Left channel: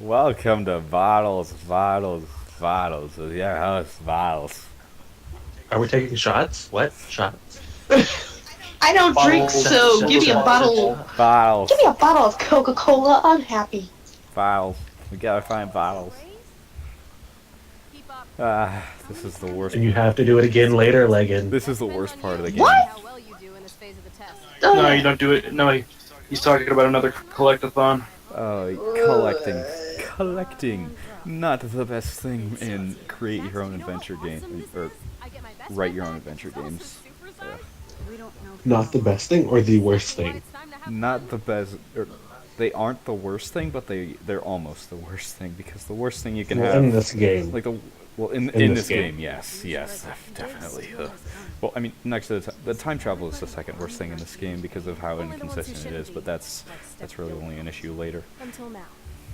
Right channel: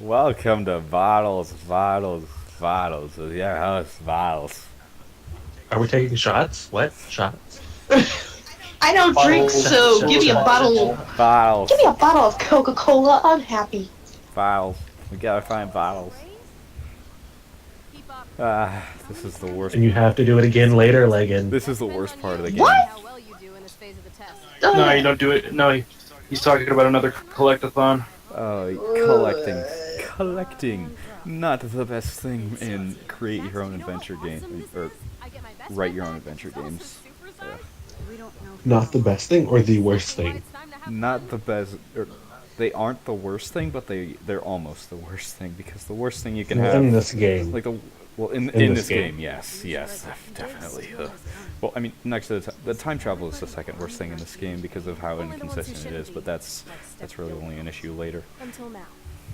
Welcome to Bottles, Bottles, Bottles with your host, Bottles. Are we taking shots? What? Shots? I don't drink, Bottles, so give me a bottles, bottle. Bottles, Give me a bottle of Coca-Cola. I'm happy. Bottles. We gotta find Bottles. This is the worst. And you have to do it again later, Legan. This is the worst part of the game. What? No, you don't do it. No, he's talking about another collectathon. Collecting. Collecting. Not the best thing in create your own adventure game, or write your own adventure games. Not the best thing or the worst thing? Not the best, or they aren't the worst thing, but they're almost the worst thing, because the worst thing you can have In this game. like the well in this game, yes, definitely. Well, I mean, next to the time travel is the second worst thing in this game because of how inconsistent it is, but that's really only an issue later. Until now,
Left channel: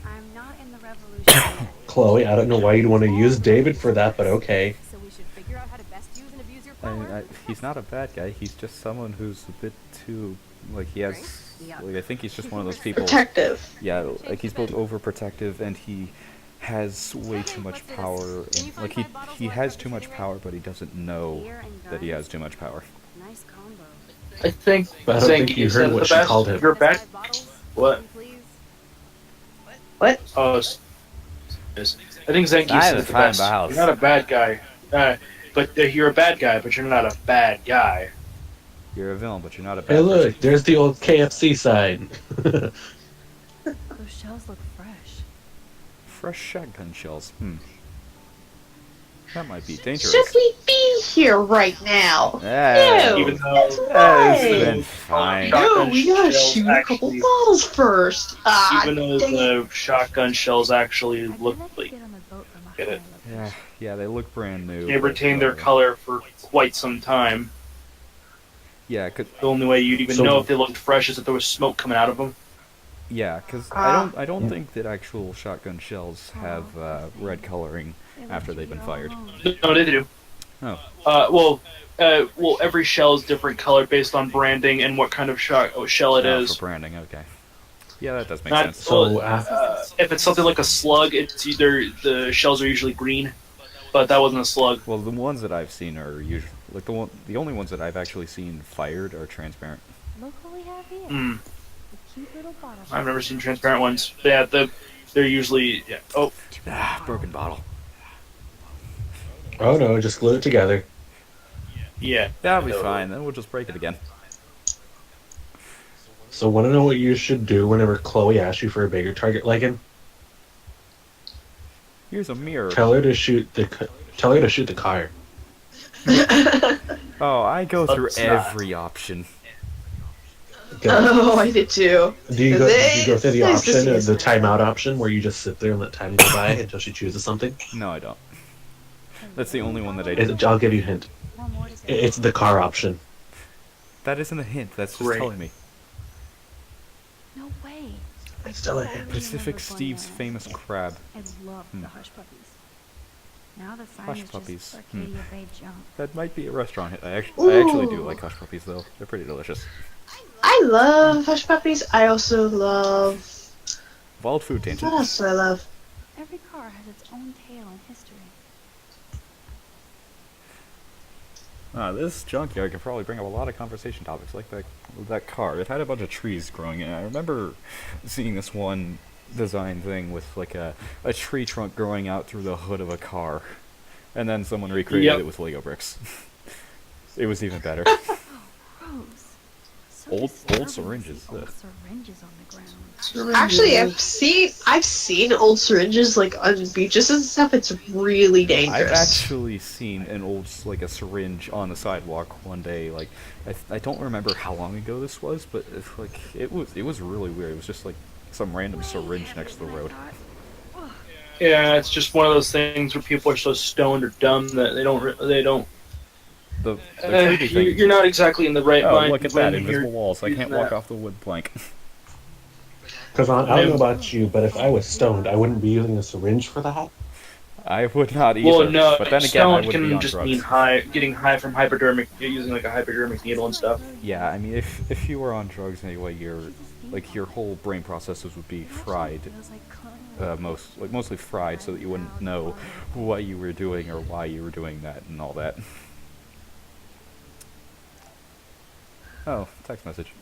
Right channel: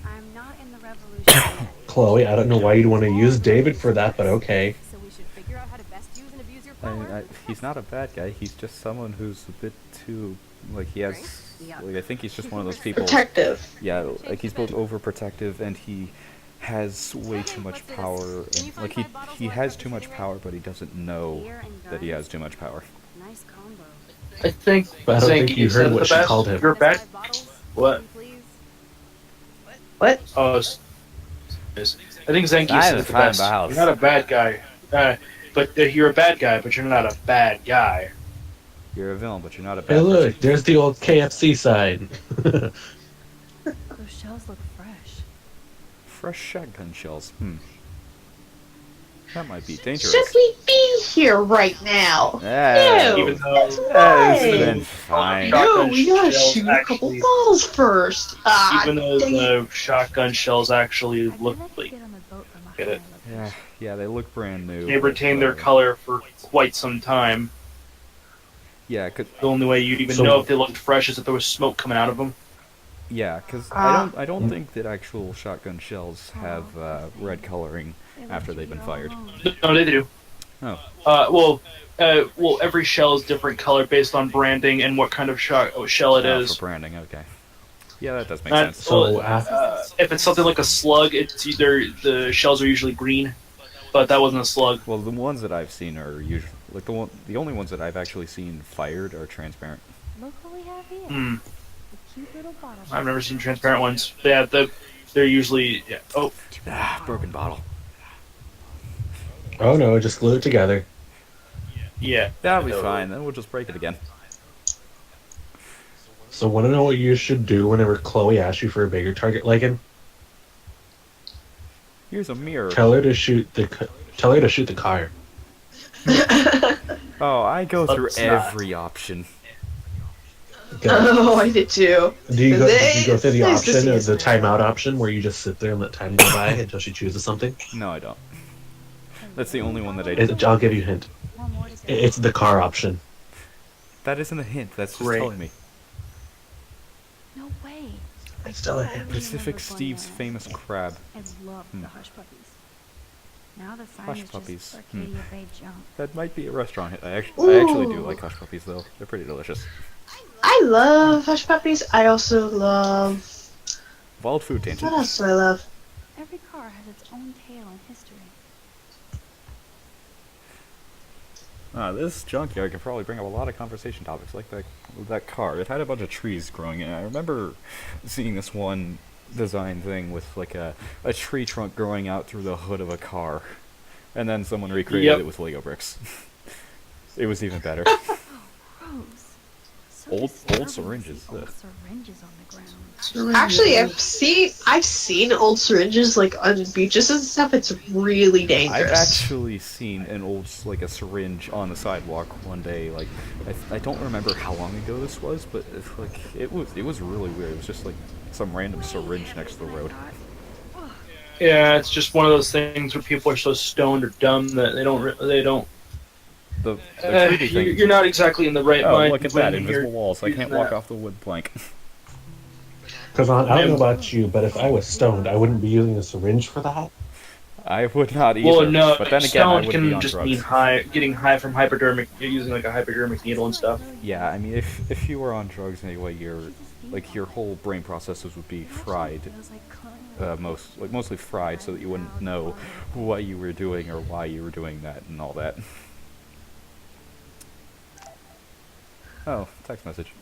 I'm not in the revolution yet. Chloe, I don't know why you'd want to use David for that, but okay. So we should figure out how to best use and abuse your I mean, power. he's not a bad guy. He's just someone who's a bit too he has. Like, I think he's just one of those people. Protective. Yeah, like he's both overprotective and he has way too much power. And, like he has too much power, but he doesn't know that he has too much power. Nice combo. I think But I don't think Zangief you heard is what the she best. called him. You're bad. What? What? Oh, I think Zangief I is the find best. the house. You're not a bad guy. But you're a bad guy, but you're not a bad guy. You're a villain, but you're not a bad Hey, person. look, there's the old KFC sign. Those shells look fresh. Fresh shotgun shells. That might be dangerous. Should we be here right now? Yeah. Ew. Even though That's It's right. been fine. No, we gotta Shells shoot a couple actually- bottles first. even though dang it. the shotgun shells actually I look feel like like get on the boat from a Get it. higher Yeah, location. yeah, they look brand new. they but, retain their color for quite some time. Yeah, The only way you'd even So- know if they looked fresh is if there was smoke coming out of them. because I don't think that actual shotgun shells have red coloring They left after you they've been all fired. alone. No, they do. Oh, Well, every shell is different color based on branding and what kind of shell it oh, is. for branding. Okay. Yeah, that does make Not- sense. So, If it's something like a slug, it's either the shells are usually green, but that wasn't a slug. Well, the ones that I've seen are usually like the only ones that I've actually seen fired are transparent. Look what we have here. Hmm. The cute little bottle. I've never seen transparent ones. Yeah, they're usually. Yeah. Oh, Broken bottle. oh no, just glue it together. yeah. That'll be fine. Then we'll just break it again. So, want to know what you should do whenever Chloe asks you for a bigger target, Legan? Here's a mirror. Tell her to shoot the car. Oh, I go through Let's not. every option. Okay. Oh, I did too. Do you go through the Nice to option see or us. the timeout option where you just sit there and let time go by until she chooses something? No, I don't. That's the only one that I do. I'll give you a hint. One more to go. It's the car option. That isn't a hint. That's just Great. telling me. No way. I Still a totally hint. Pacific remember Steve's Bunny famous Island. crab. I love Hmm. the hush puppies. Now the sign Hush is puppies. just Arcadia Bay junk. That might be a restaurant hit. I actually do Ooh. like hush puppies though. They're pretty delicious. I love hush puppies. I also love. Wild food What tangent. else do I love? Every car has its own tale and history. This junkyard could probably bring up a lot of conversation topics, like that car. It had a bunch of trees growing in it. I remember seeing this one design thing with like a tree trunk growing out through the hood of a car, and then someone recreated Yep. it with Lego bricks. It was even better. Gross. So Old disturbing to syringes, see old ugh. syringes on the ground. Actually, I've seen old syringes like on beaches and stuff. It's really dangerous. I've actually seen an old a syringe on the sidewalk one day. Like I don't remember how long ago this was, but it was really weird. It was just like some random syringe next to the road. Yeah, it's just one of those things where people are so stoned or dumb that they don't. The creepy thing. You're not exactly in the right Oh, mind. look at that! when you're Invisible walls. I using can't walk that. off the wood plank. Because I don't know about you, but if I was stoned, I wouldn't be using a syringe for that. I would not either. Well, no, but then again, I stoned would can be on just drugs. mean high, getting high from hypodermic, using like a hypodermic needle and stuff. Yeah, I mean, if you were on drugs anyway, like your whole brain processes would be fried, Feels like cloning. mostly fried, so that you wouldn't know what you were doing or why you were doing that and all that. Oh, text message.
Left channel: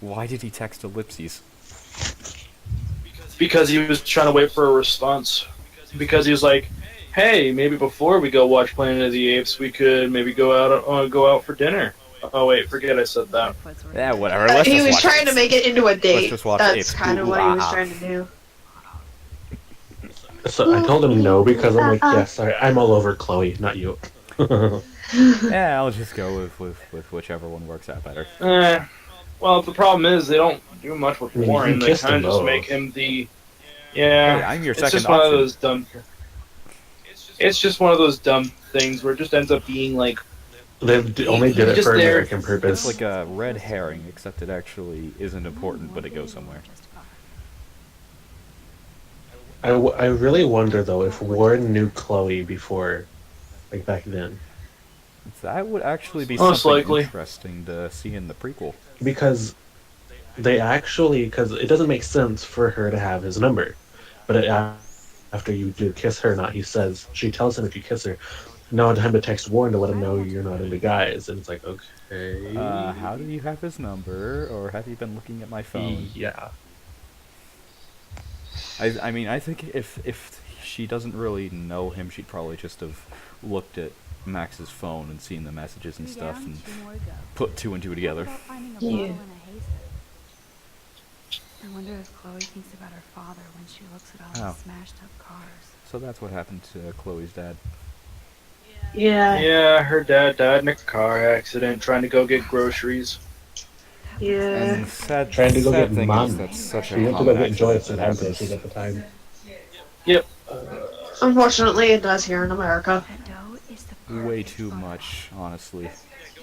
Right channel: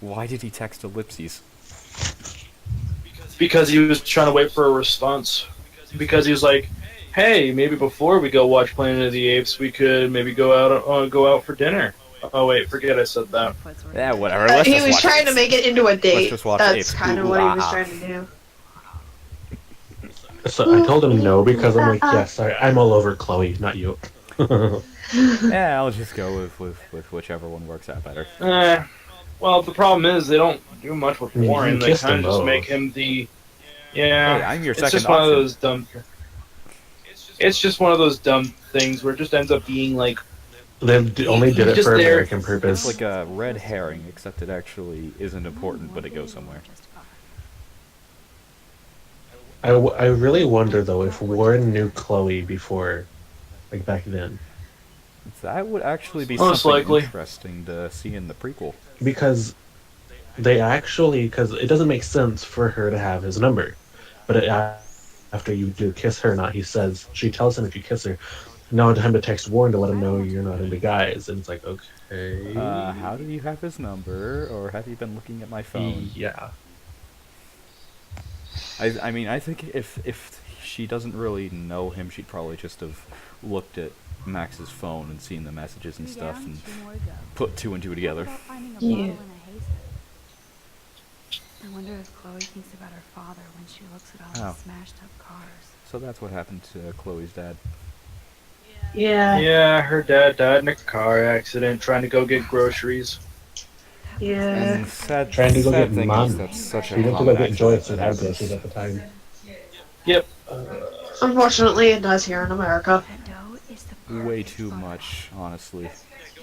Why did he text ellipses? Because he was trying to wait for a response. Because he was like, "Hey, maybe before we go watch Planet of the Apes, we could maybe go out for dinner." Oh wait, forget I said that. Yeah, whatever. Let's He just was watch trying to Apes. make it into a date. just watch That's Apes. kind of Ooh, what he was ah. trying to do. So I told him no because I'm like, yeah, sorry, I'm all over Chloe, not you. Yeah, I'll just go with whichever one works out better. Well, the problem is they don't do much with I mean, you Warren. They kissed kind of them just both. make him the. Yeah, Hey, I'm your it's second just one option. of those dumb. It's just one of those dumb things where it just ends up being like. They only did it Just for there. American It's purpose. like a red herring, except it actually isn't important, but it goes somewhere. I really wonder though if Warren knew Chloe before, like back then, That would actually be Most something likely. interesting to see in the prequel. because because it doesn't make sense for her to have his number, but after you do kiss her, not he says she tells him if you kiss her, now time to text Warren to let him know you're not into guys, and it's like okay, How do you have his number, or have you been looking at my phone? yeah. I mean, I think if she doesn't really know him, she'd probably just have looked at Max's phone and seen the messages and stuff, and put two and two together. Yeah. I wonder if Chloe thinks about her father when she looks at all Oh. the smashed up cars. So that's what happened to Chloe's dad. Yeah. Yeah, her dad died in a car accident trying to go get groceries. Yeah. And the sad, Trying to go sad get thing mom. is that's such She a went to common go get accident Joyce that and happens. happens at the time. Yep. Unfortunately, it does here in America. That dough is the Way perfect too photo. much, honestly.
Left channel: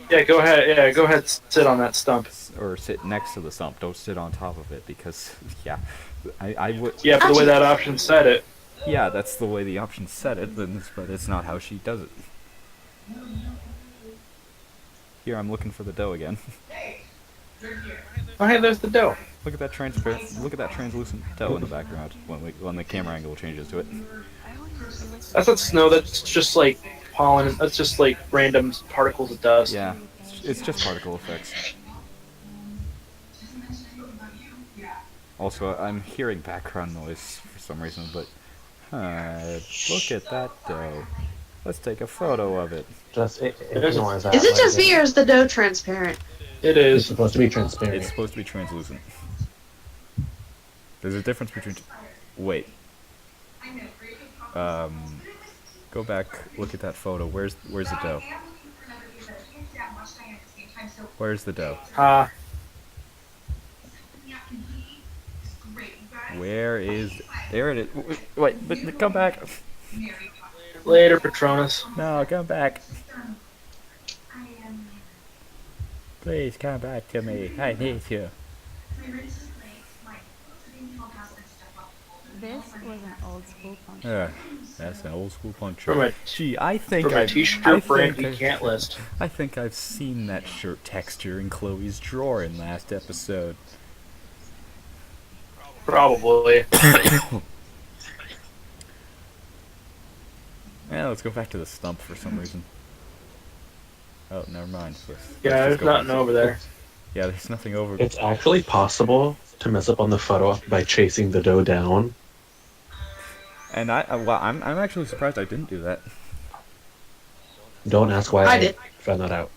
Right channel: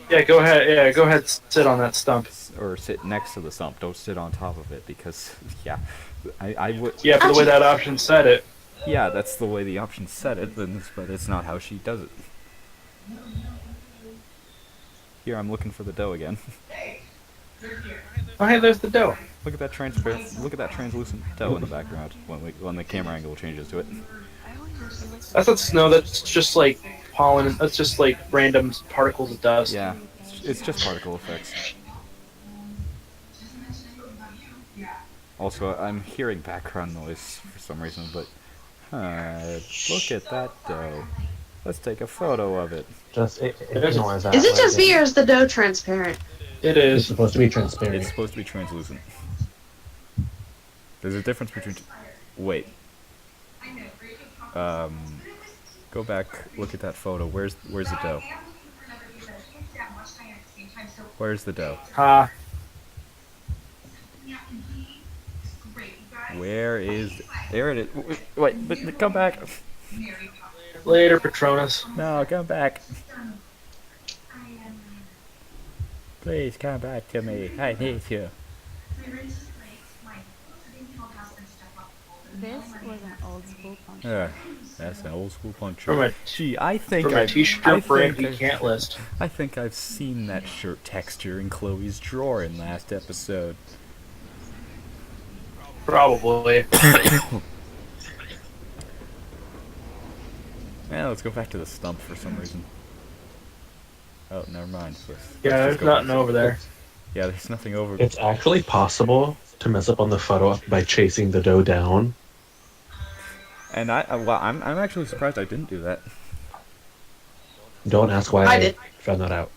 Yeah, go ahead. Yeah, go ahead. Sit on that stump. Or sit next to the stump. Don't sit on top of it, because yeah, I would. Yeah, for the way that option said it. Yeah, that's the way the option said it, but it's not how she does it. Here, I'm looking for the dough again. Oh, hey, there's the dough. Look at that transparent. Look at that translucent dough in the background when the camera angle changes to it. I always feel like That's not snow. That's just like pollen. That's just like random particles of dust. Yeah, it's just particle effects. Also, I'm hearing background noise for some reason, but look at that dough. Let's take a photo of it. Just ignore that. Is it just right me, or is the dough transparent? It there. It's is. supposed to be transparent. It's supposed to be translucent. There's a difference between. Wait. Go back. Look at that photo. Where's the dough? Where's the dough? Ha. Where is? There it is. Wait, but come back. Later, Patronus. No, come back. Please come back to me. I need you. this was an old school function. Yeah, that's an old school puncture. From a- Gee, I think From a I've. I t-shirt brand think we I've- can't list. I think I've seen that shirt texture in Chloe's drawer in last episode. Probably. Yeah, let's go back to the stump for some reason. Oh, never mind. Let's Yeah, just there's go nothing back. over there. Yeah, there's nothing over. It's actually possible to mess up on the photo op by chasing the dough down. And I'm actually surprised I didn't do that. Don't ask why I did. found that out.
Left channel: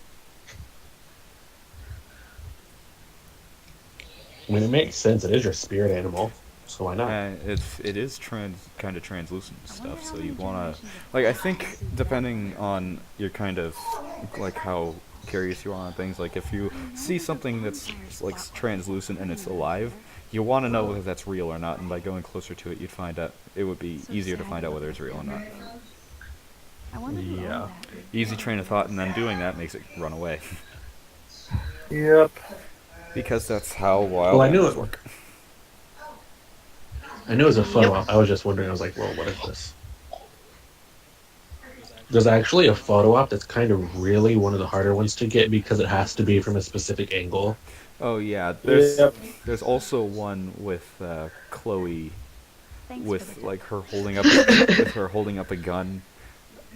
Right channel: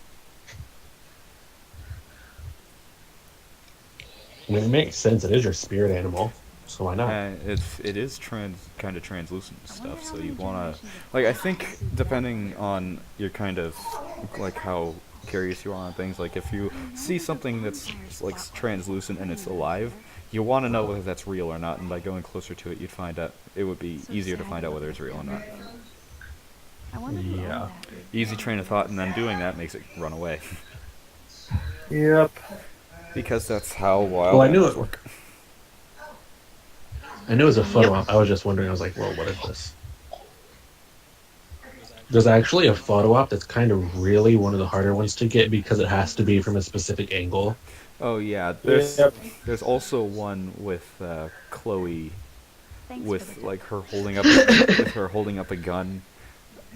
I mean, it makes sense. It is your spirit animal, so why not? And it is kind of translucent stuff, so you wanna like I think depending on your kind of like how curious you are on things, like if you see something that's like translucent and it's alive, you want to know whether that's real or not, and by going closer to it, you'd find out it would be easier to find out whether it's real or not. I wonder who owned Yeah. that. Easy train of thought, and then doing that makes it run away. Yep. Because that's how wild Well, I knew animals it- work. I knew it was a photo op. I was just wondering. I was like, well, what is this? There's actually a photo op that's kind of really one of the harder ones to get because it has to be from a specific angle. Oh yeah, Yep. there's also one with Chloe Thanks for with the like her holding up with her holding up a gun,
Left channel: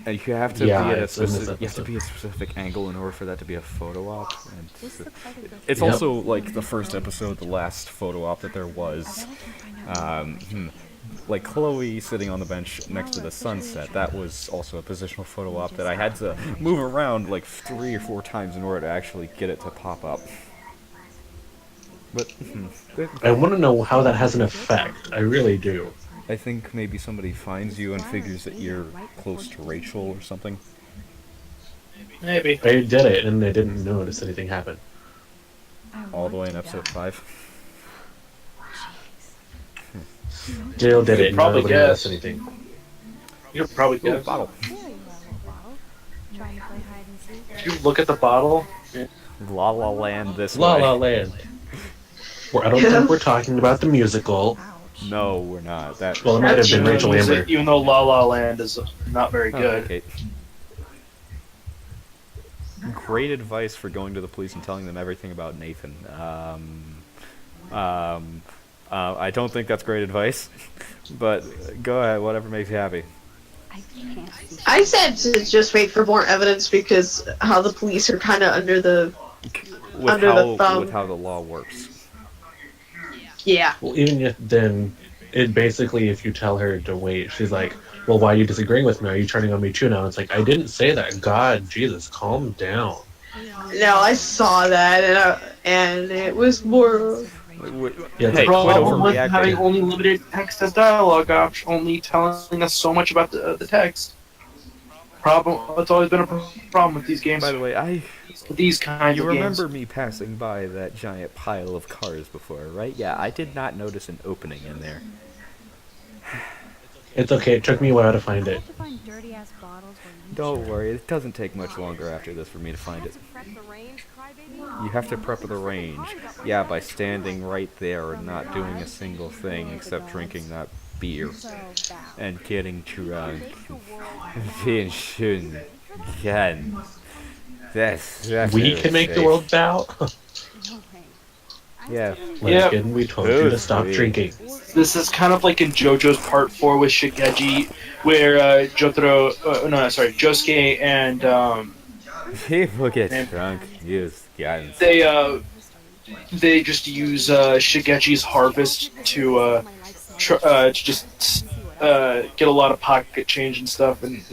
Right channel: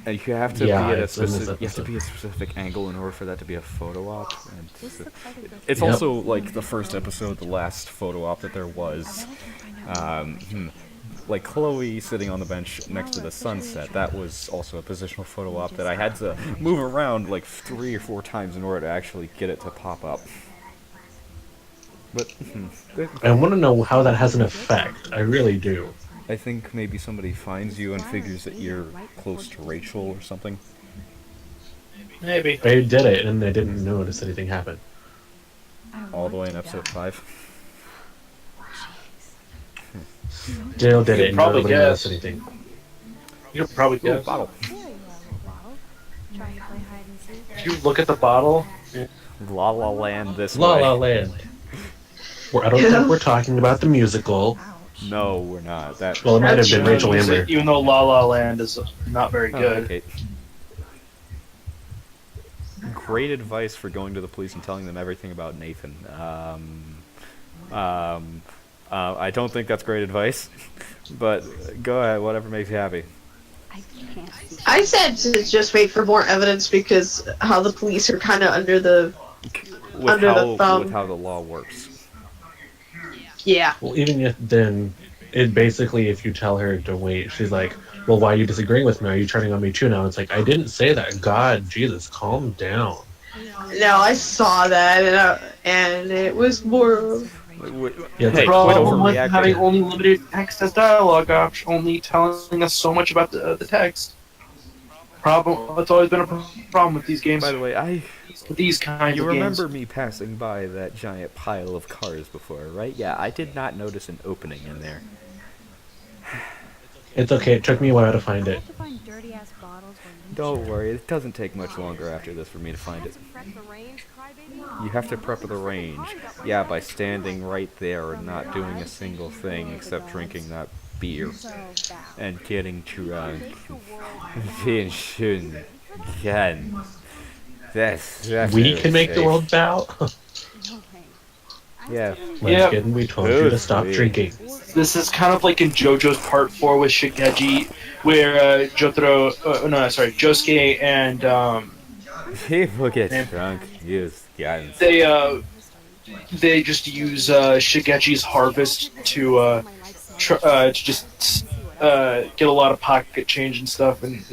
and you have to Yeah, be at a it's in this specific you have to episode. be at a specific angle in order for that to be a photo op. And This looks like a good it's Yep. also like the first episode, the last photo op that there I was. bet I can find out more. Like Chloe sitting on the bench next to the sunset, that was also a positional photo op that I had to move around like 3 or 4 times in order to actually get it to pop up. But I want to know how that has an effect. I really do. I think maybe somebody finds you and figures that you're close to Rachel or something. Maybe. I did it and I didn't notice anything happen. I All the way want in to episode die. 5. Dale did You it and probably nobody noticed guess. anything. You're probably Oh, good. bottle. There you are, little bottle. Trying to play hide and seek. If you look at the bottle, La La Land this La way. La Land. I don't think we're talking about the musical. Ouch. No, we're not. That. Well, it might have been even Rachel though- Amber. even though La La Land is not very Oh, good. okay. Great advice for going to the police and telling them everything about Nathan. I don't think that's great advice, but go ahead, whatever makes you happy. I can't see. I said to just wait for more evidence because how the police are kind of under the With Under the thumb. with how the law works. yeah. Well, even if then, it basically, if you tell her to wait, she's like, well, why are you disagreeing with me? Are you turning on me too now? It's like, I didn't say that. God, Jesus, calm down. No, I saw that and it was more. Yeah, Hey, quit Problem with having overreacting. only limited text as dialogue option, only telling us so much about the text. It's always been a problem with these games. By the way, With these kinds you of remember games. me passing by that giant pile of cars before, right? Yeah, I did not notice an opening in there. It's okay. It took me a while to find I it. have to find dirty ass bottles where you Don't should. worry, it doesn't take much longer after this for me to find it. You have to prep the range. Yeah, by standing right there and not doing a single thing except drinking that beer So bad. and getting drunk. Make the world Being shooting again. That's We really can make the safe. world bow. no way. Yeah. Once Yeah. again, we told you to stop Totally. drinking. This is kind of like in JoJo's Part 4 with Shigeji, where Josuke and People get Man. drunk, use guns. they just use Shigeji's harvest to just get a lot of pocket change and stuff, and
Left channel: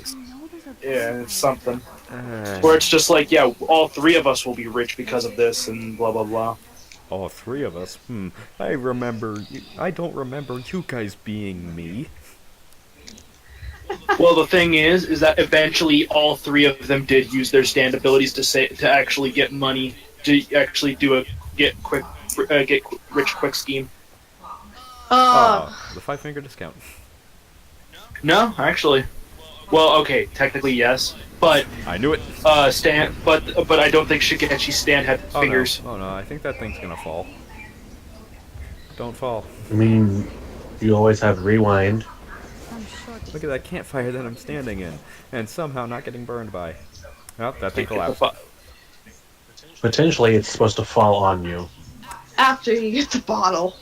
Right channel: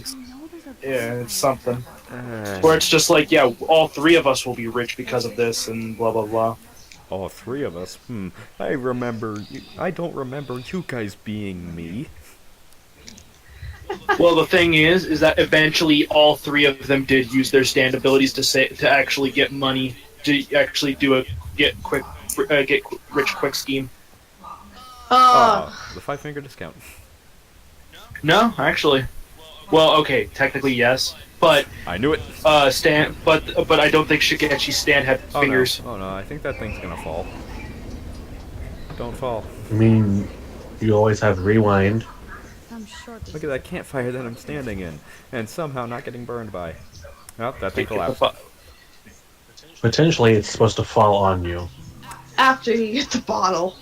it's something. Where it's just like, yeah, all 3 of us will be rich because of this, and blah blah blah. All 3 of us. I don't remember you guys being me. Well, the thing is that eventually all 3 of them did use their stand abilities to actually get money, to actually do a get rich quick scheme. The 5-finger discount. No, actually. Well, okay, technically yes, but I knew it. Stan, but I don't think Shigechi Stan had Oh fingers. no. Oh no, I think that thing's gonna fall. Don't fall. I mean, you always have rewind. I'm sure this Look at that campfire that I'm standing in, and somehow not getting burned by. Oh, that thing Pick the collapsed. fu- Potentially, it's supposed to fall on you. After you get the bottle.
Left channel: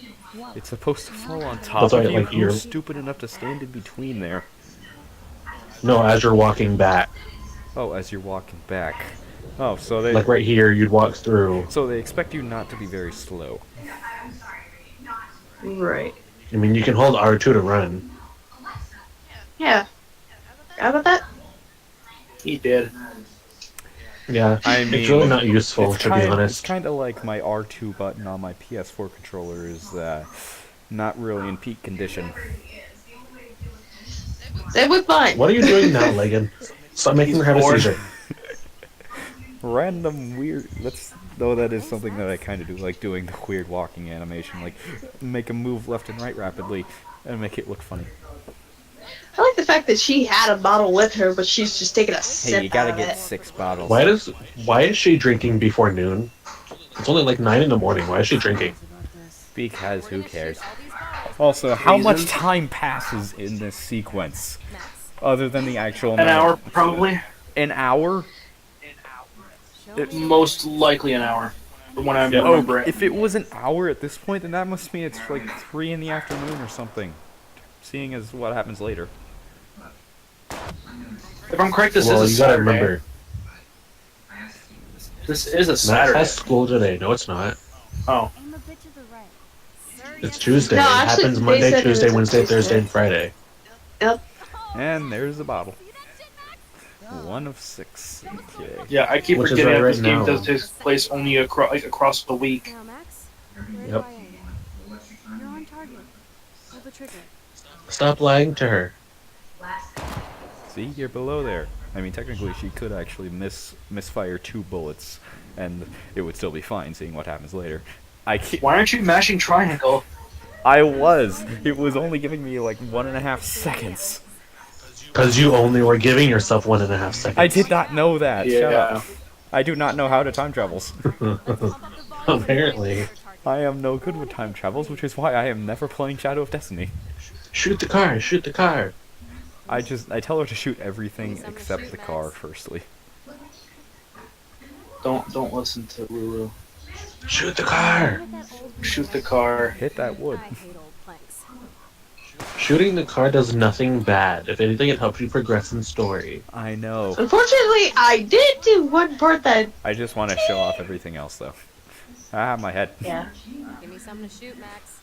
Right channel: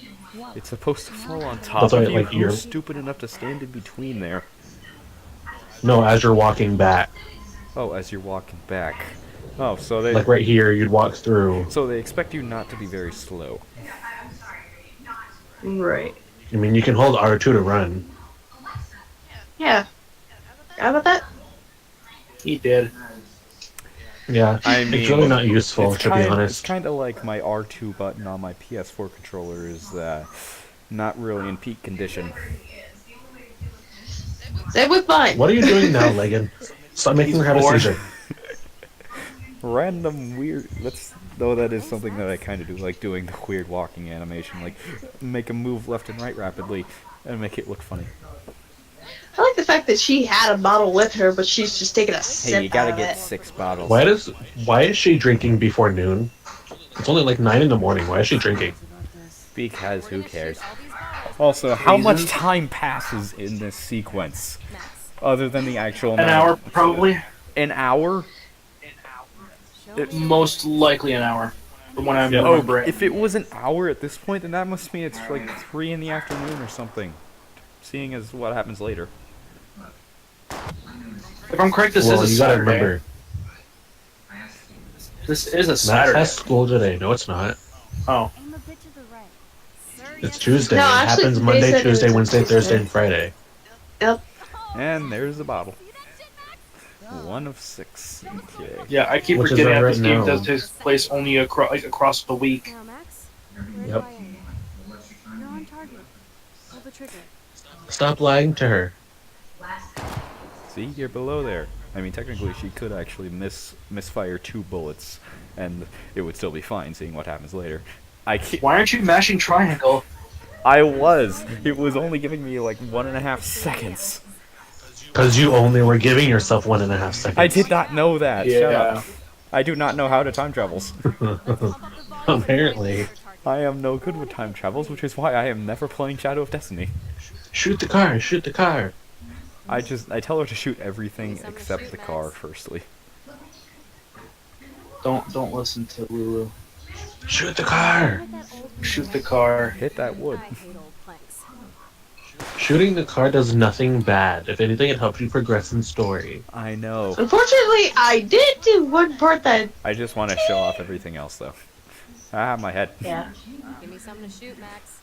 It's supposed to fall on top That's of why, you. like, you're- Who's stupid enough to stand in between there? No, as you're walking back. Oh, as you're walking back. Oh, so they Like right here, you'd walk through. so they expect you not to be very slow. Right. I mean, you can hold R2 to run. Yeah. How about that? He did. Yeah, I mean, it's really not useful, to be It's honest. kind of like my R2 button on my PS4 controller is not really in peak condition. Same with mine. What are you doing now, Legan? Stop making her have a bored. seizure. Random weird. That is something that I kind of do, like doing the weird walking animation, like make a move left and right rapidly and make it look funny. I like the fact that she had a bottle with her, but she's just taking a sip. Hey, you gotta out of get it. 6 bottles. Why is she drinking before noon? It's only like 9 in the morning. Why is she drinking? about this. Because who cares? Also, how much Reasons? time passes in this sequence? Other than the actual An amount hour, of- probably. An hour? Most likely an hour, from when I Yeah. Oh, remember it. if it was an hour at this point, then that must mean it's like 3 in the afternoon or something. Seeing as what happens later. If I'm correct, this Well, is a you gotta Saturday. remember, This is a Max Saturday. has school today. No, it's not. Oh. Aim a bit to the right. Sir, It's yes, Tuesday. No, It actually, happens they Monday, said it was Tuesday, a Wednesday, Tuesday. Thursday, and Friday. Yep. And there's the bottle. 1 of 6. Okay. Yeah, I keep Which is forgetting that right this game now. does take place only across the week. Now, Max, where Yep. do I aim? You're on target. Pull the trigger. Stop lying to her. See, you're below there. I mean, technically, she could actually misfire 2 bullets, and it would still be fine, seeing what happens later. Why aren't you mashing triangle? I was. It was only giving me like 1.5 seconds. Because you only were giving yourself 1.5 seconds. I did not know that. Shut Yeah. up. I do not know how to time travels. Apparently. I am no good with time travels, which is why I am never playing Shadow of Destiny. Shoot the car, shoot the car. I tell her to shoot everything except the car, firstly. Don't listen to Lulu. Shoot the car. Shoot the car. Hit that wood. I hate old planks. Shooting the car does nothing bad. If anything, it helps you progress in story. I know. Unfortunately, I did do one part that. I just want to show off everything else, though. Ah, my head. Yeah. Give me something to shoot, Max.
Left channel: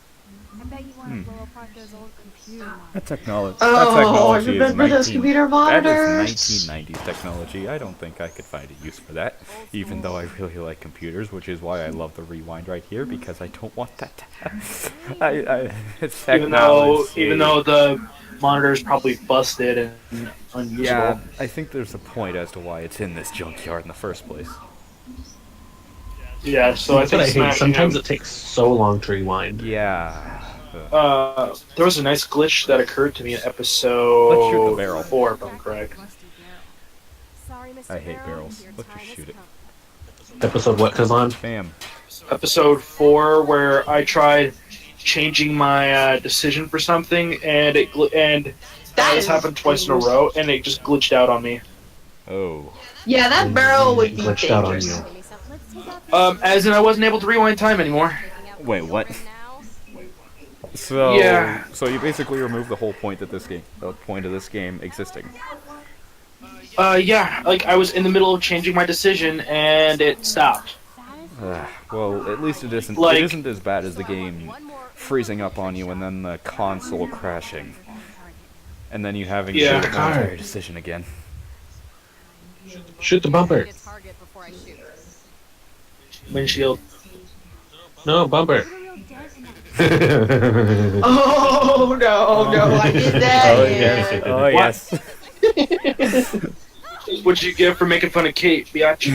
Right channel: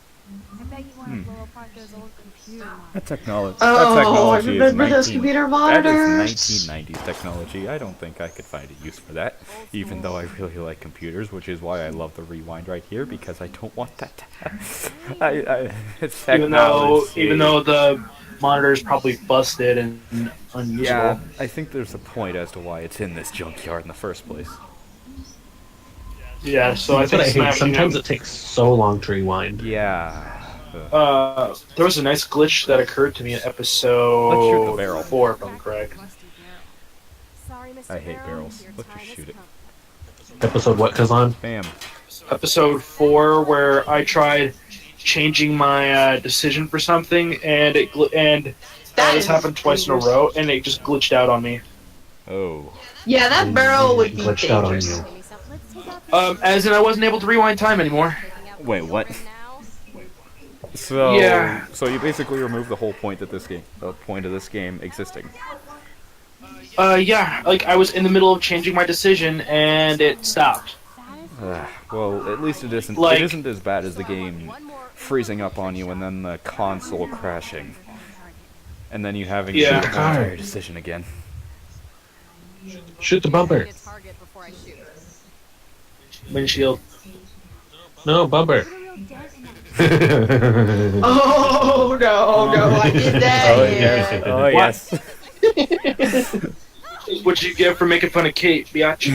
I bet you want to blow apart those old computer models. That technology. Oh, that technology is remember those 19. computer That monitors? is 1990s technology. I don't think I could find a use for that. Even though I really like computers, which is why I love the rewind right here, because I don't want that to happen. It's technology. Even though the monitor is probably busted and unusable. Yeah, I think there's a point as to why it's in this junkyard in the first place. Yeah, so I That's what think I hate. smashing Sometimes him- it takes so long to rewind. Yeah. there was a nice glitch that occurred to me in episode Let's shoot the barrel. 4, if I'm correct. Sorry, Mr. I hate Barrel, barrels. your Let's time just has shoot it. come. Episode what, Kazan? Bam. Episode 4, where I tried changing my decision for something, and That this is happened twice in a dangerous. row, and it just glitched out on me. Oh. Yeah, that barrel would be Glitched out on dangerous. you. Give me some. Let's take out the As in I wasn't able to rewind time anymore. Taking out the Wait, what? children now. So, Yeah. so you basically remove the whole point of this game existing. Yeah, like I was in the middle of changing my decision, and it stopped. Well, at least it isn't. Like- It isn't as bad as the game freezing up on you and then the console crashing, and then you having to Yeah. do the whole entire decision again. Shoot the bumper. Need a target before I shoot. Windshield. No, bumper. Put a real dent in that. Oh no, I did that. Oh yeah. yes. Oh yes. What'd you get for making fun of Kate, biatch?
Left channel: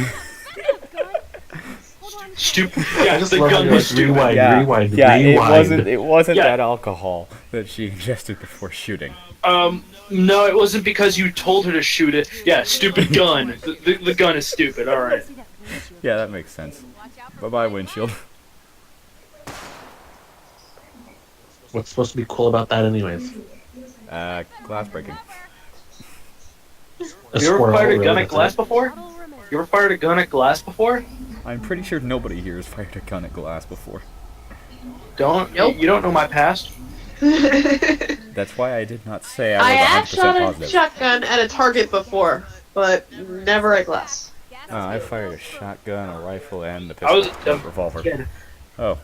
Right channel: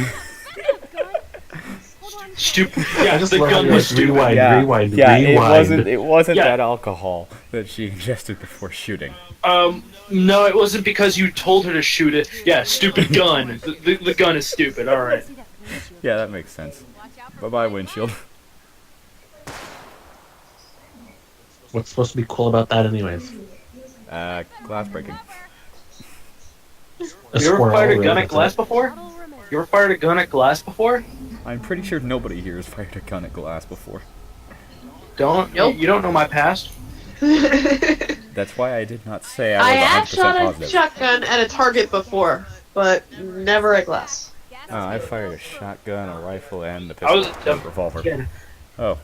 Hold on. Stupid. Yeah, just the love how gun you was like stupid. rewind, Yeah. rewind, Yeah. rewind. It wasn't Yeah. that alcohol that she ingested before shooting. No, it wasn't because you told her to shoot it. Yeah, stupid gun. The gun is stupid. All right. See that windshield. Yeah, that makes sense. Watch out for Bye bye windshield. What's supposed to be cool about that, anyways? Glass breaking. A You ever squirrel, fired a really, gun at that's glass it. before? bottle remember. You ever fired a gun at glass before? I'm pretty sure nobody here has fired a gun at glass before. Nope. You don't know my past. That's why I did not say I I was have 100% shot a positive. shotgun at a target before, but never at glass. I fired a shotgun, a rifle, and a I was pistol, a revolver. kid. Oh,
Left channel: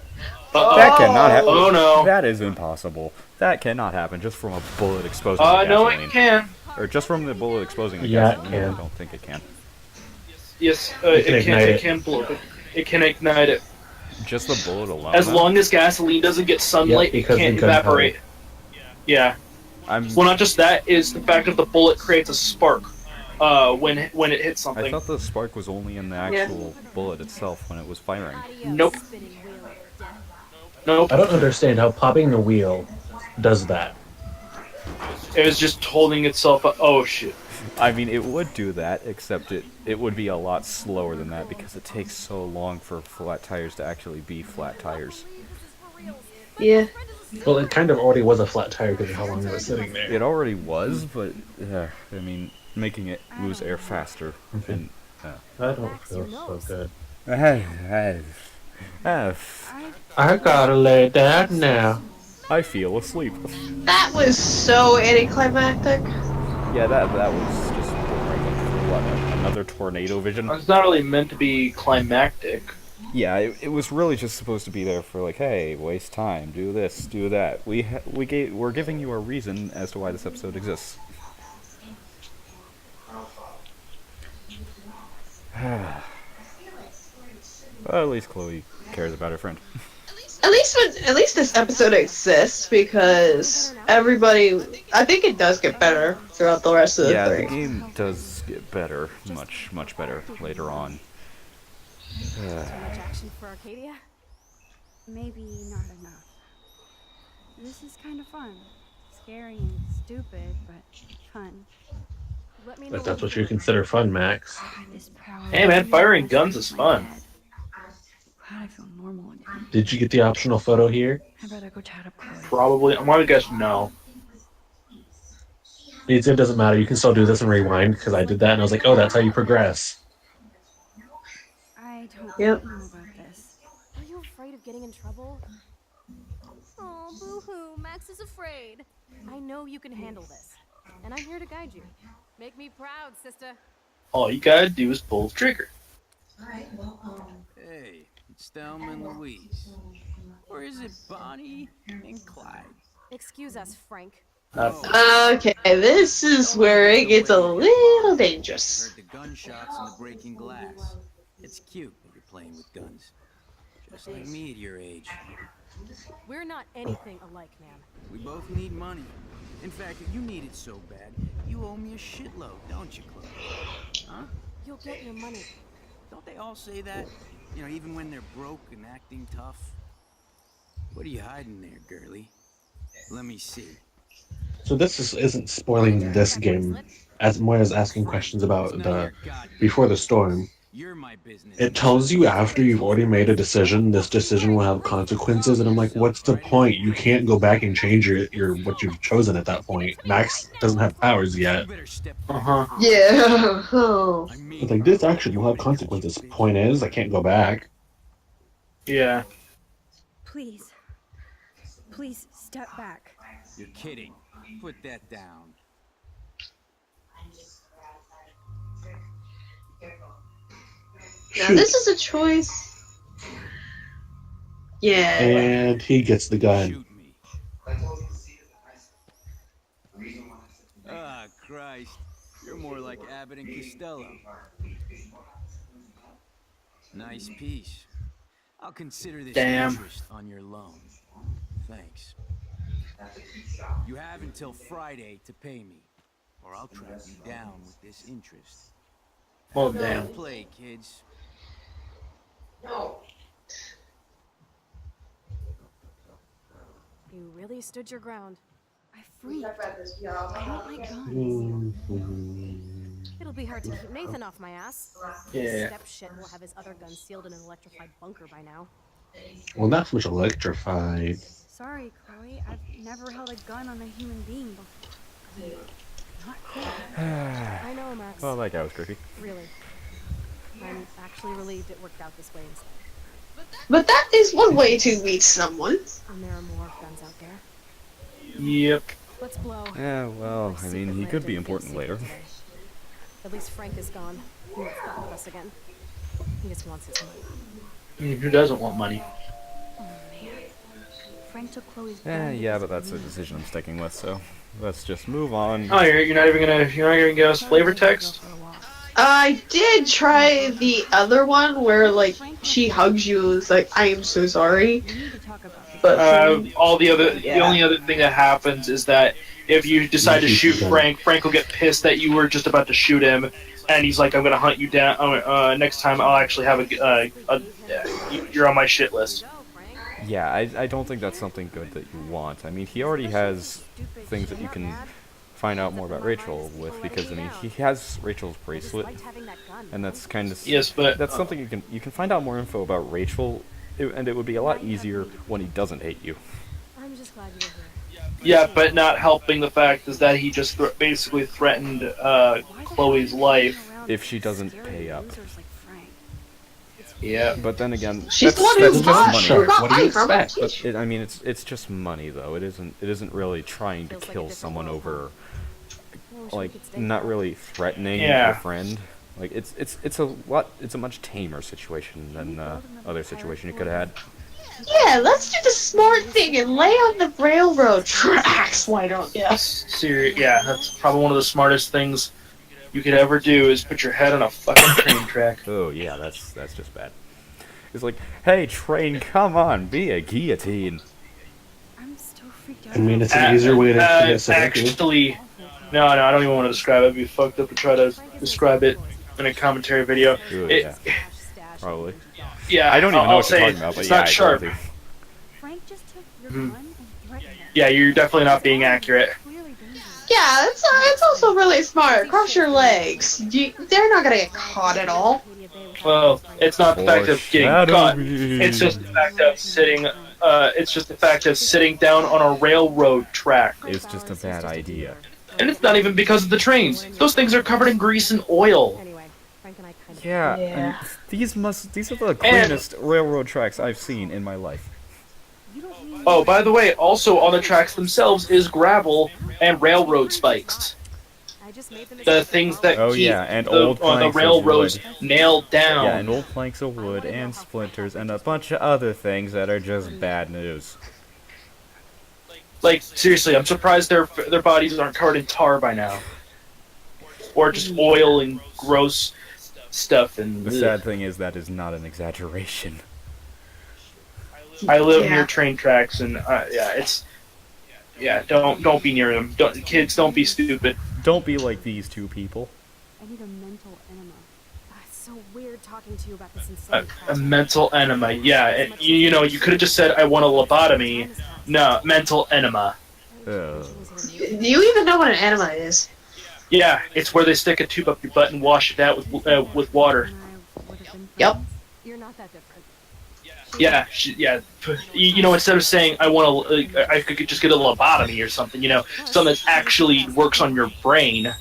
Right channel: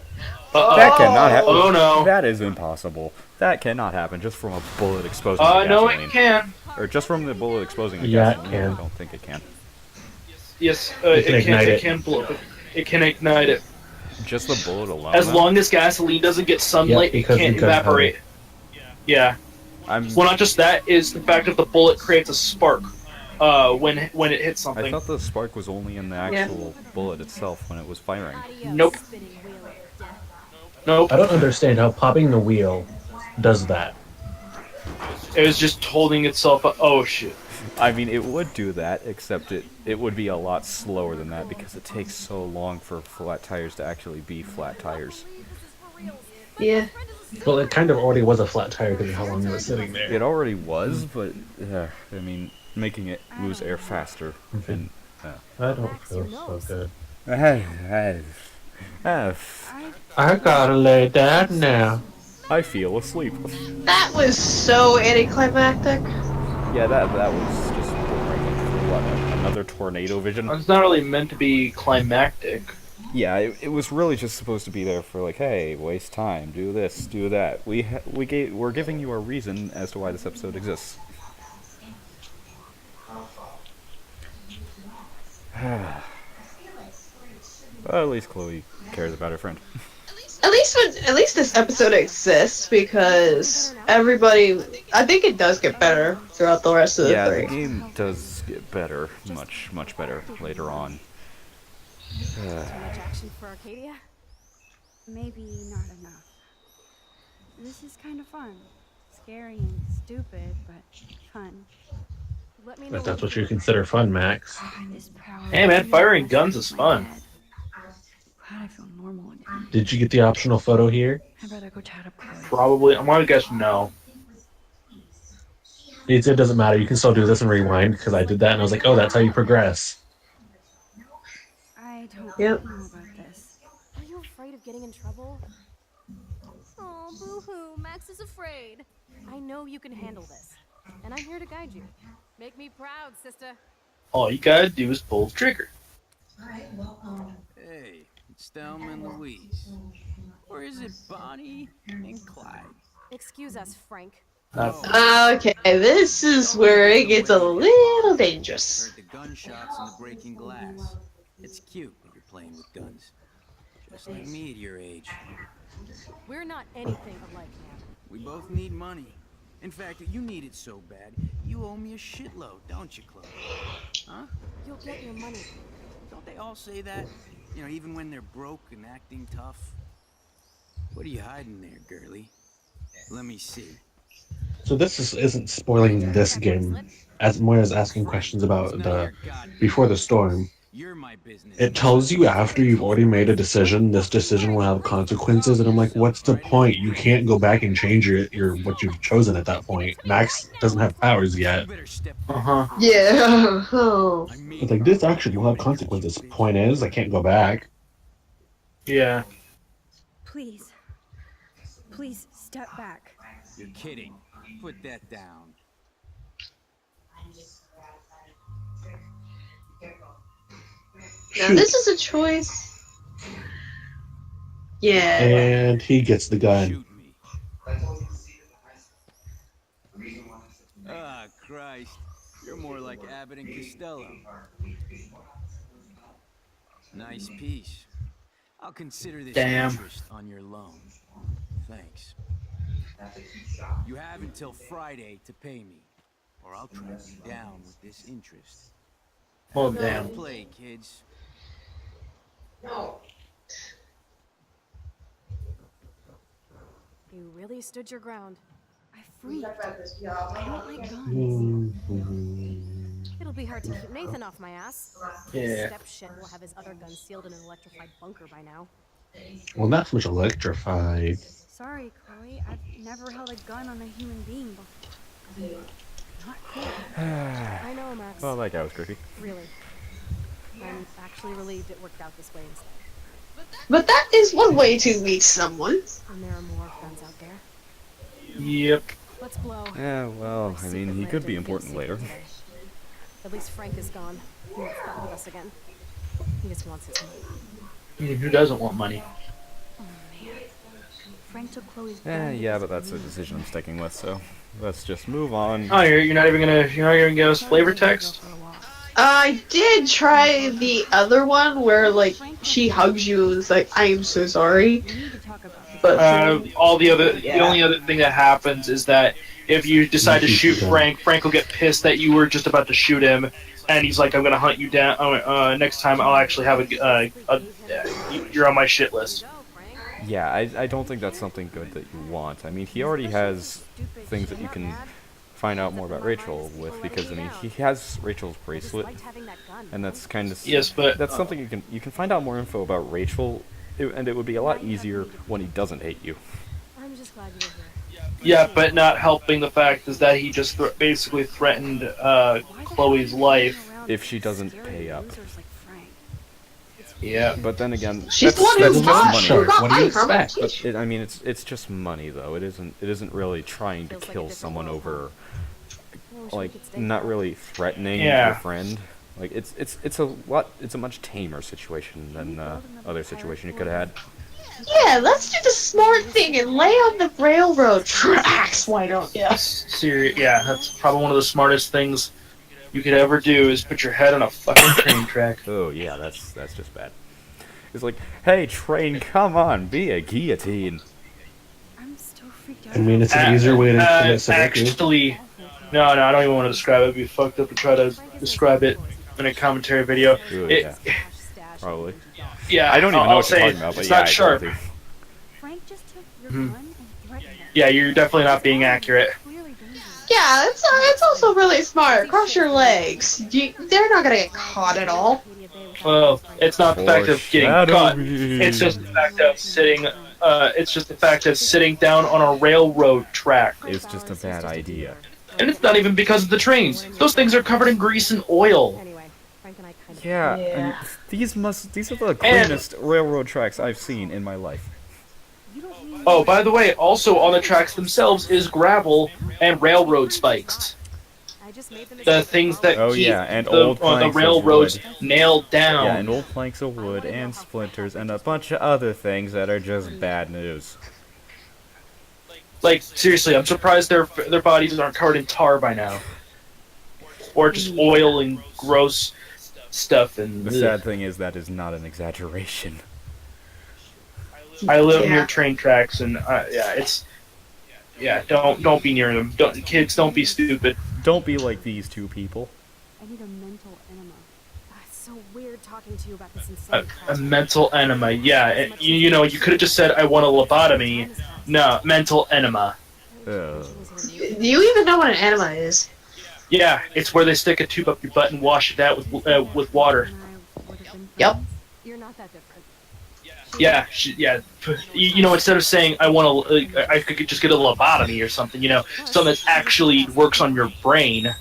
Uh-oh. that cannot happen. Oh no. That is impossible. That cannot happen just from a bullet exposing the No, gasoline. it can. Or just from the bullet explosing the Yeah, it gasoline. can. I don't think it can. Yes, You can ignite It it. can blow it. It can ignite it. Just the bullet alone. As though? long as gasoline doesn't get sunlight, it because can't the gunpowder. evaporate. Yeah. I'm. Well, not just that, is the fact that the bullet creates a spark when it hits I something. thought the spark was only in the Yeah. actual bullet itself when it was firing. Adios, Nope. spinning wheel of death. Nope. I don't understand how popping the wheel does that. It was just holding itself up. Oh, shit. I mean, it would do that, except it would be a lot slower than that because it takes so long for flat tires to actually be flat tires. Believe this is for reals, Yeah. Well, it kind of already was a flat tire because of how long it was sitting there. It already was, but I mean, making it lose air faster Okay. and. I don't Max, feel your so nose. good. I I gotta lay down now. feel asleep. That was so anticlimactic. Yeah, that was just boring. What, another tornado vision? It's not really meant to be climactic. Yeah, it was really just supposed to be there for like, hey, waste time, do this, do that. We're giving you a reason as to why this episode exists. Well, at least Chloe cares about her friend. At least this episode exists because everybody. I think it does get better throughout the rest of the Yeah, the three. game does get better, much better later on. Too much action for Arcadia? Maybe not enough. This is kind of fun. Scary and stupid, but fun. Let me know If that's when what you you consider fun, Max. Hey man, firing guns is fun. Glad I feel normal again. Did you get the optional photo here? I'd rather go chat up Chloe. Probably. I'm gonna guess no. It doesn't matter. You can still do this and rewind because I did that and I was like, oh, that's how you progress. I don't Yep. know about this. Are you afraid of getting in trouble? Oh, boo-hoo, Max is afraid. I know you can handle this, and I'm here to guide you. Make me proud, sister. All you gotta do is pull the trigger. Hey, it's Thelma and Louise. Or is it Bonnie and Clyde? Excuse us, Frank. Okay, this is where it gets a little I dangerous. heard the gunshots and the breaking glass. It's cute that you're playing with guns. Just like me at your age. We're not anything alike, man. We both need money. In fact, you need it so bad, you owe me a shitload, don't you, Chloe? Huh? You'll get your money. Don't they all say that? You know, even when they're broke and acting tough? What are you hiding there, girlie? Let me see. So isn't spoiling this game as more as asking questions about the before the storm. You're my business. It tells you after you've already made a decision, this decision will have consequences, and I'm like, what's the point? You can't go back and change your what you've chosen at that point. Max doesn't have powers yet. You better step Uh huh. Yeah. Oh. I mean, It's like this action will have consequences. Point is, I can't go back. Yeah. Please. Please step back. you're kidding. Put that down. Now this is a choice. Yeah. And he gets the gun. Shoot me. Ah, Christ. You're more like Abbott and Costello. Nice piece. I'll consider this Damn. interest on your loan. Thanks. You have until Friday to pay me, or I'll track you down with this interest. Well, Fair damn. play, kids. You really stood your ground. I freaked. I don't like guns. It'll be hard to keep Nathan off my ass. Yeah. Step shit will have his other guns sealed in an electrified bunker by now. Well, not so much electrified. Sorry, Chloe. I've never held a gun on a human being before. Not cool. I know, Max. Well, that guy was creepy. Really. I'm actually relieved it worked out this way instead. But that is one way to meet someone. And there are more guns out there. Yep. Let's blow. Yeah, well, My I mean, secret he lab could be didn't feel important secret later. today. At least Frank is gone. He won't fuck with us again. He just wants his money. Who doesn't want money? Oh man. Frank took Chloe's gun. Yeah, because but that's of a me. decision I'm sticking with, so let's just move on. Oh, you're not even gonna give us flavor text? I did try the other one where like she hugs you and is like, I am so sorry. We need to talk about this. But The only other thing that happens is that if you decide to shoot Frank, Frank will get pissed that you were just about to shoot him, and he's like, I'm gonna hunt you down. Next time I'll actually have you're on my shit list. Go, Frank. Yeah, I don't think that's something good that you want. I mean, he already has things that you can find out more about Rachel with, because I mean, he has Rachel's I just bracelet, liked having that gun. and that's kind of Yes, but that's something you can find out more info about Rachel, and it would be a lot easier when he doesn't hate you. glad you were here. Yeah, but not helping the fact is that he just basically threatened Chloe's life. If she doesn't pay up. Yeah. But then again, She's the one that's who just got- money. who got What do you money from her. expect? But I mean, it's just money though. It isn't really trying to Feels like a kill different someone world, over, I wish we like could stay not friends. really threatening Yeah. your friend. Like it's a much tamer situation than the other situation you could have had. Yeah, let's do the smart thing and lay on the railroad tracks. Why don't you? Yeah, that's probably one of the smartest things you could ever do is put your head on a fucking train track. Oh yeah, that's just bad. It's like, hey train, come on, be a guillotine. I'm still freaked out. I mean, it's an easier way to commit suicide. Actually, no, I don't even want to describe it. It'd be fucked up to try to describe it in a commentary video. Ooh, It- yeah, probably. yeah, I don't even know I'll what you're say talking about, but it's yeah, not I agree sharp. with you. Frank just took your Mhm. gun and threatened him. Yeah, you're definitely not being accurate. Clearly dangerous. Yeah, it's also really smart. Cross your legs. They're not gonna get caught at all. Well, it's not the fact of getting Foreshadow caught. me. It's just the fact of sitting. It's just the fact of sitting down on a railroad track, It's just a bad idea. and it's not even because of the trains. Those things are covered in grease and oil. Anyway, Frank and I kind of Yeah, and these are the cleanest railroad tracks I've seen in my life. You don't need Oh, by the way, also on the tracks themselves is gravel and railroad spikes. I just made the The mistake of things that Oh, keep yeah, and the, old the planks of railroads wood. nailed down. Yeah, and old planks of wood and splinters and a bunch of other things that are just bad news. Like, seriously, I'm surprised their bodies aren't covered in tar by now. Or just oil and gross stuff. And The sad thing is that is not an exaggeration. I live Yeah. near train tracks, and yeah, it's don't be near them. Kids, don't be stupid. Don't be like these two people. I need a mental enema. It's so weird talking to you about this A, insane a mental enema, yeah. You know, you could have just said I want a lobotomy. No, mental enema. Ugh. Do you even know what an enema is? Yeah, it's where they stick a tube up your butt and wash it out with water. And I would have been Yep. friends. You're not that different. Yeah, you know, instead of saying I want to, I could just get a lobotomy or something. You know, something that actually works on your brain.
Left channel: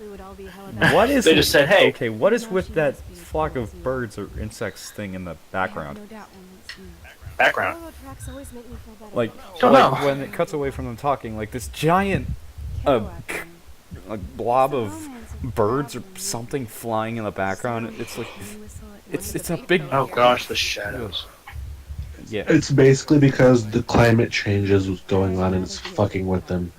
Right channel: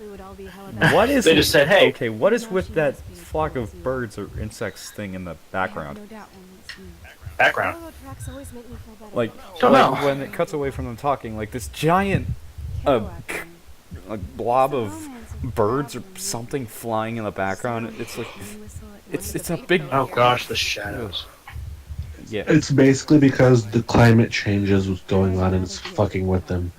We would all be hella bad. What is They just said, hey. Okay, what is with that flock of birds or insects thing in the background? No doubt one would see. Background. Railroad tracks always make me feel better. Like, Don't like know. when it cuts away from them talking, like this giant Kerouac and like blob of romance of birds or traveling. something flying in the background. It's like And whistle at it's one a big Oh gosh, the shadows. yeah. It's basically because the climate changes was going on and it's fucking with them.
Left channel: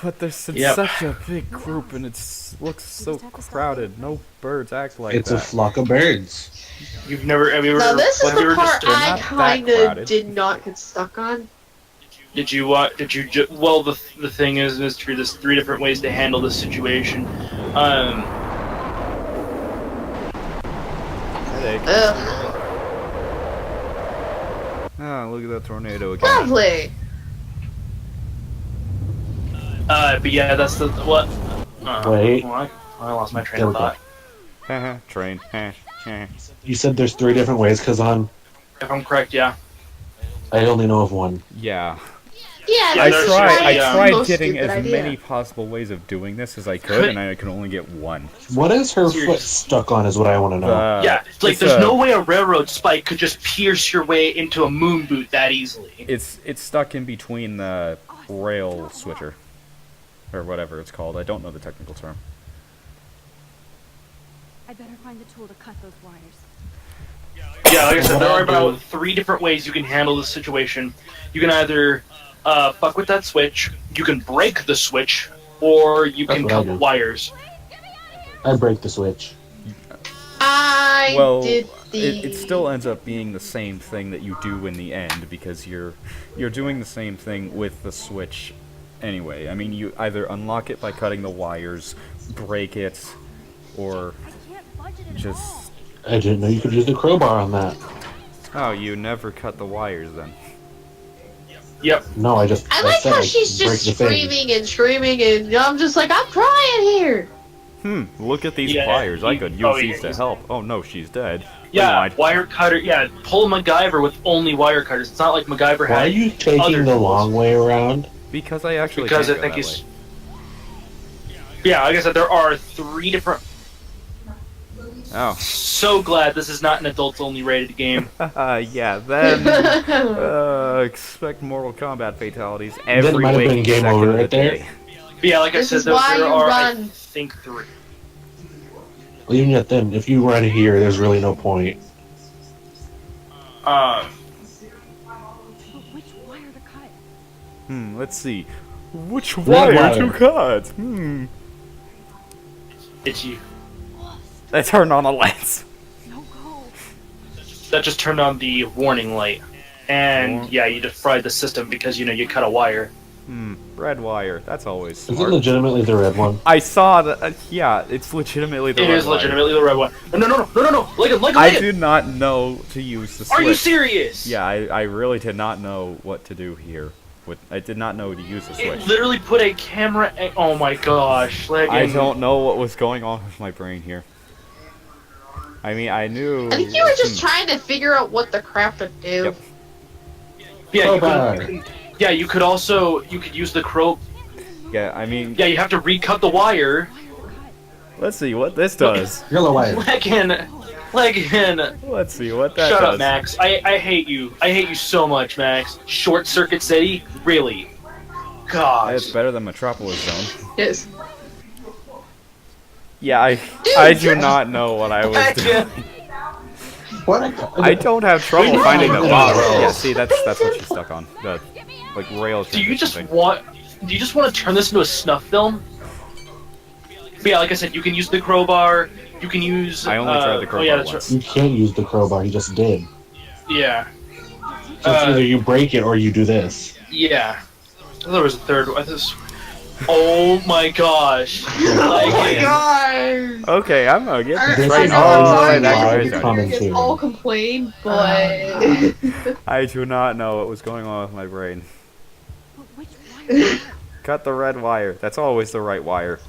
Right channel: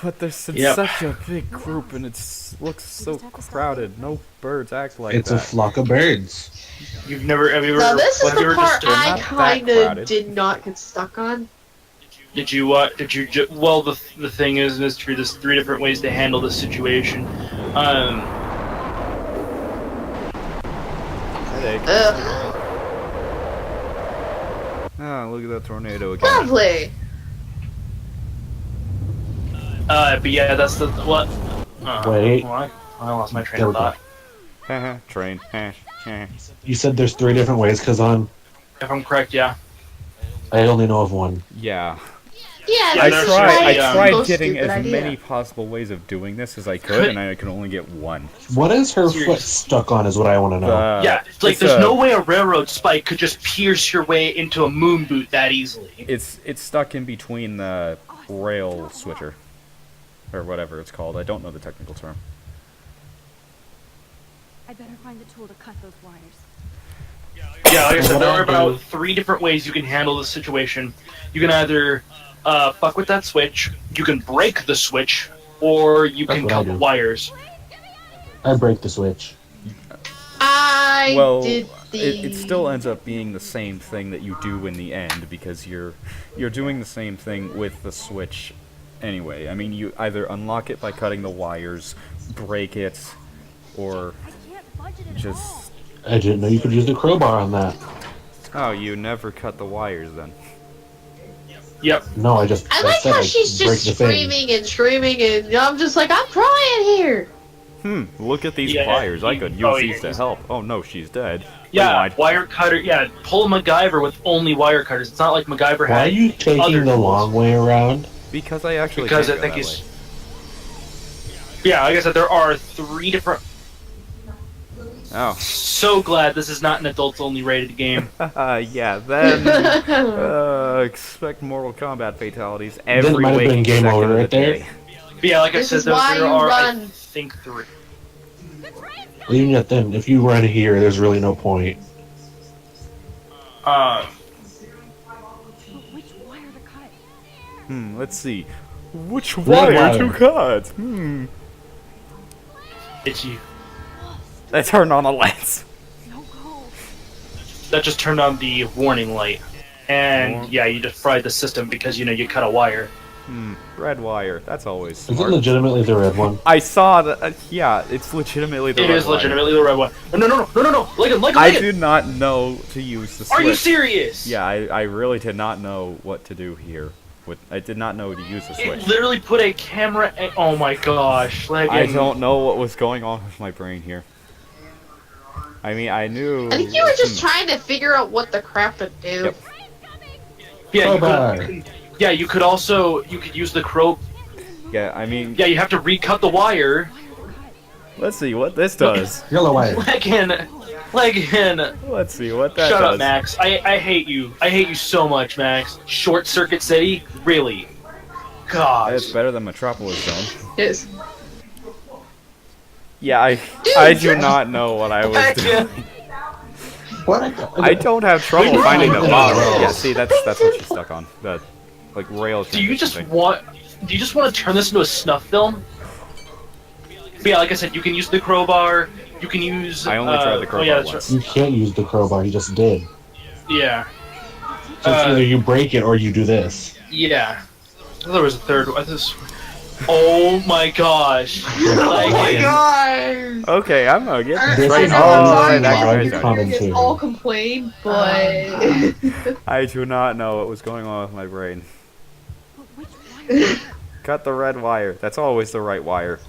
But there's Yep. such a big group and it looks so crowded. No birds act like It's a that. flock of birds. Have you ever? Now this is have you the ever part they're I not that kind crowded. of did not get stuck on. Did you well, the thing is, Mister, there's 3 different ways to handle this situation. Headache. Ugh, Ah, look at that tornado again. lovely. But yeah, that's the what. Wait. What? I lost my train There of we go. thought. Haha, train. You said there's 3 different ways because If I'm correct, yeah. I only know of one. Yeah. Yeah, Yeah, there's I a, tried most getting stupid as idea. many possible ways of doing this as I could, and I could only get one. What is her Seriously. foot stuck on is what I want to know. Yeah, it's like it's there's a- no way a railroad spike could just pierce your way into a moon boot that easily. It's stuck in between the rail switcher, or whatever it's called. I don't know the technical term. I better find the tool to cut those wires. Yeah, like I said, there are What I do- about 3 different ways you can handle this situation. You can either fuck with that switch, you can break the switch, or you That's can what I cut do. the wires. I break the switch. I Well, did the. it still ends up being the same thing that you do in the end because you're doing the same thing with the switch anyway. I mean, you either unlock it by cutting the wires, break it, or I can't budget at all. just I didn't know you could use the crowbar on that. oh, you never cut the wires then. Yep. No, I just I like said how I'd she's break just the thing. screaming, and I'm just like, I'm trying here. Look at these Yeah, pliers. I you- could oh, use these yeah. to help. Oh no, she's dead. Yeah, Rewind. wire cutter. Yeah, pull MacGyver with only wire cutters. It's not like MacGyver Why had are you taking other the tools. long way around? Because I actually Because can't I go think that he's. way. Yeah, like I said, there are 3 different. Oh. So glad this is not an adults-only rated game. Yeah, then expect Mortal Kombat fatalities Then it every might have been waking game second over of the right there. day. But yeah, like This I said, is why there you are, I run. think, 3. Even yet then, if you run here, there's really no point. But which wire to cut? Let's see. Which Red wire wire. to cut? It's you. I turned on the lights. No go. That just turned on the warning light. And yeah, you just fried the system because, you cut a wire. Red wire. That's always Is it smart. legitimately the red one? I saw that. Yeah, it's legitimately the It red is wire. legitimately the red one. No. Like I it. did not know to use the switch. Are you serious? Yeah, I really did not know what to do here. I did not know to use the It switch. literally put a camera. Oh my gosh! Like, I don't know what was going on with my brain here. I mean, I knew. I think you were just trying to figure out what the crap to do. Yep. Yeah, you Crowbar. could, yeah, you could use the crow. Yeah, I mean, Yeah, you have to recut the wire. let's see what this does. Yellow wire. Let's see what that Shut does. up, Max. I hate you. I hate you so much, Max. Short Circuit City? Really? God. It's better than Metropolis Zone. Yes. Yeah, I do not know what I was doing. What? I don't have trouble finding the Yeah. bottom. Yeah, see, that's what she's stuck on. The like rail Do you transition just thing. want to turn this into a snuff film? But yeah, like I said, you can use the crowbar. You can use. I only tried the crowbar yeah, that's once. You can't use the crowbar. You just did. right. Yeah. So it's either you break it or you do this. Yeah. There was a third one. Oh my gosh. Oh my god! Okay, I'm gonna get I this This right is know all the I'm way back sorry, to Live my we starting. can all complain, but I do not know what was going on with my brain. But which wire to cut? Cut the red wire. That's always the right wire.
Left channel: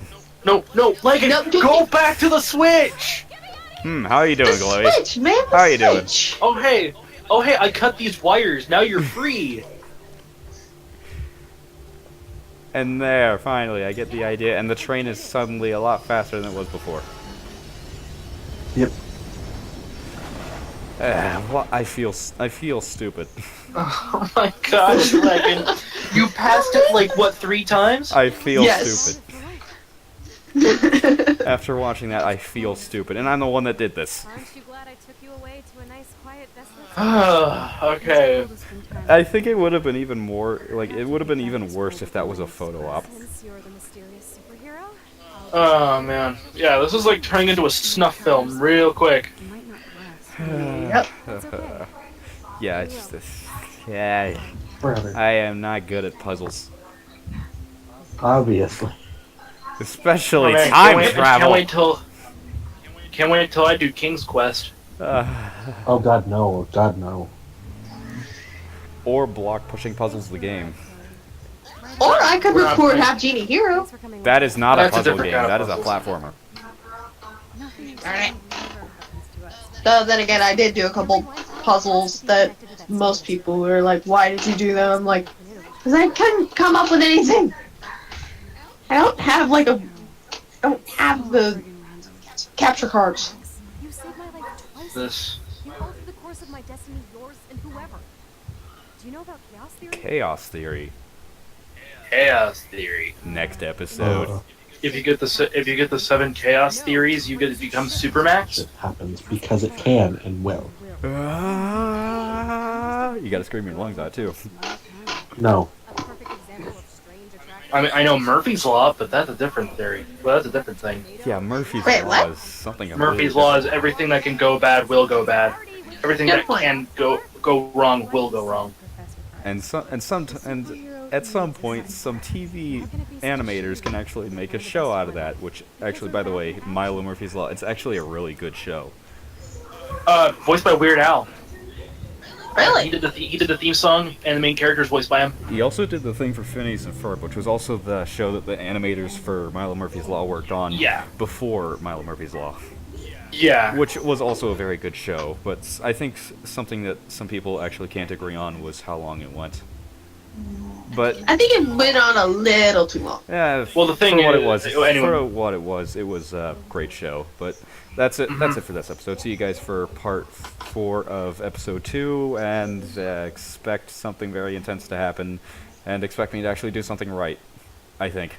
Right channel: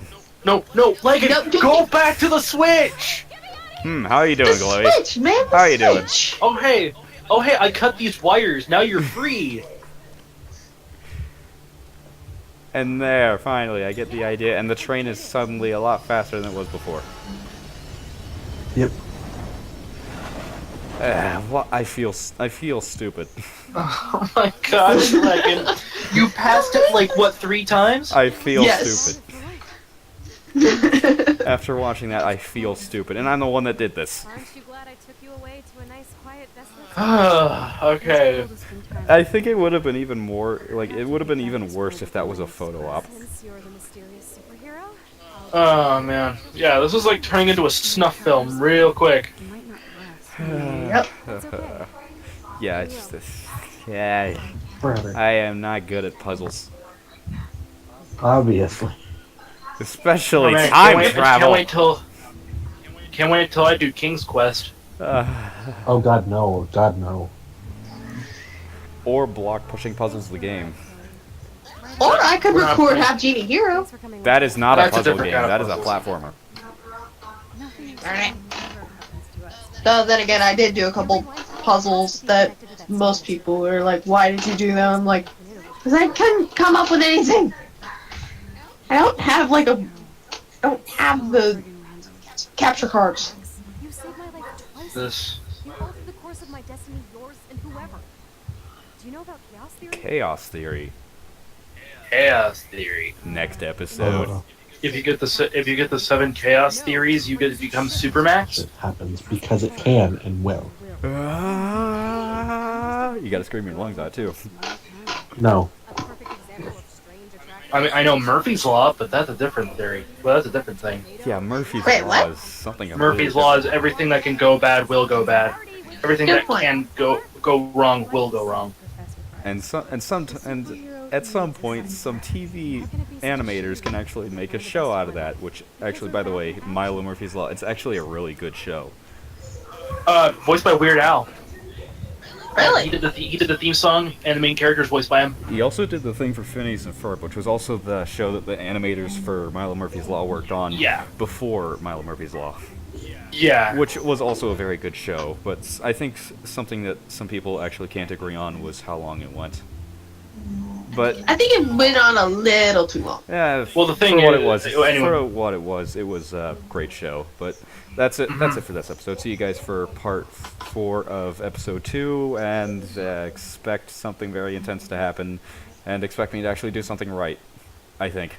No, Leggett, No, go back to the switch! How you doing, the Chloe? switch, man. The How you doing? switch. Oh hey, I cut these wires. Now you're free. And there, finally, I get the idea, and the train is suddenly a lot faster than it was before. Yep. I feel stupid. Oh my gosh, Leggett. You passed it like what, 3 times? I feel Yes. stupid. After watching that, I feel stupid, and I'm the one that did this. Aren't you glad I took you away to a nice, quiet, desolate Okay. I think it would have been even more, like, it would have been even worse if that was a photo op. Since you're the mysterious superhero, Oh man. Yeah, this is like turning into a snuff film real quick. You might not rest. Yep. it's okay. Yeah, it's just this. Yeah, Forever. I am not good at puzzles. Obviously. Especially Oh, man, time Can't travel. Can't wait till I do King's Quest. Oh god no. God no. Or block pushing puzzles the game. Or I could We're not record playing- Half Genie Hero. Thanks for coming That with is not a That's a puzzle different game. kind of That is a puzzle. platformer. Nothing exciting Alright. ever happens to us. Though then again, I did do a couple puzzles that most people were like, "Why did you do them?" I'm like, "Cause I couldn't come up with anything. I don't have like a, I don't have the capture cards." You saved my life twice. This. You altered the course of my destiny, yours, and whoever. Do you know about chaos theory? Chaos theory. Chaos theory. Next episode. If you get the 7 chaos theories, you get to become Supermax. It happens because it can and will. You gotta scream your lungs out too. No. A perfect example of strange attraction. I mean, I know Murphy's Law, but that's a different theory. Well, that's a different thing. Yeah, Murphy's Wait, Law what? is something. Murphy's Law is everything that can go bad will go bad. Everything Good that point. can go wrong will go wrong. And at some point, some TV animators can actually make a show out of that. Which actually, by the way, Milo Murphy's Law, it's actually a really good show. Voiced by Weird Al. He Really? did the theme song, and the main character is voiced by him. He also did the thing for Phineas and Ferb, which was also the show that the animators for Milo Murphy's Law worked on Yeah. before Milo Murphy's Law. Yeah. which was also a very good show. But I think something that some people actually can't agree on was how long it went. But I think it went on a little too long. yeah, Well, the thing for what is- it was, anyway. for what it was a great show. But that's it. That's it for this episode. See you guys for part 4 of episode 2, and expect something very intense to happen, and expect me to actually do something right. I think.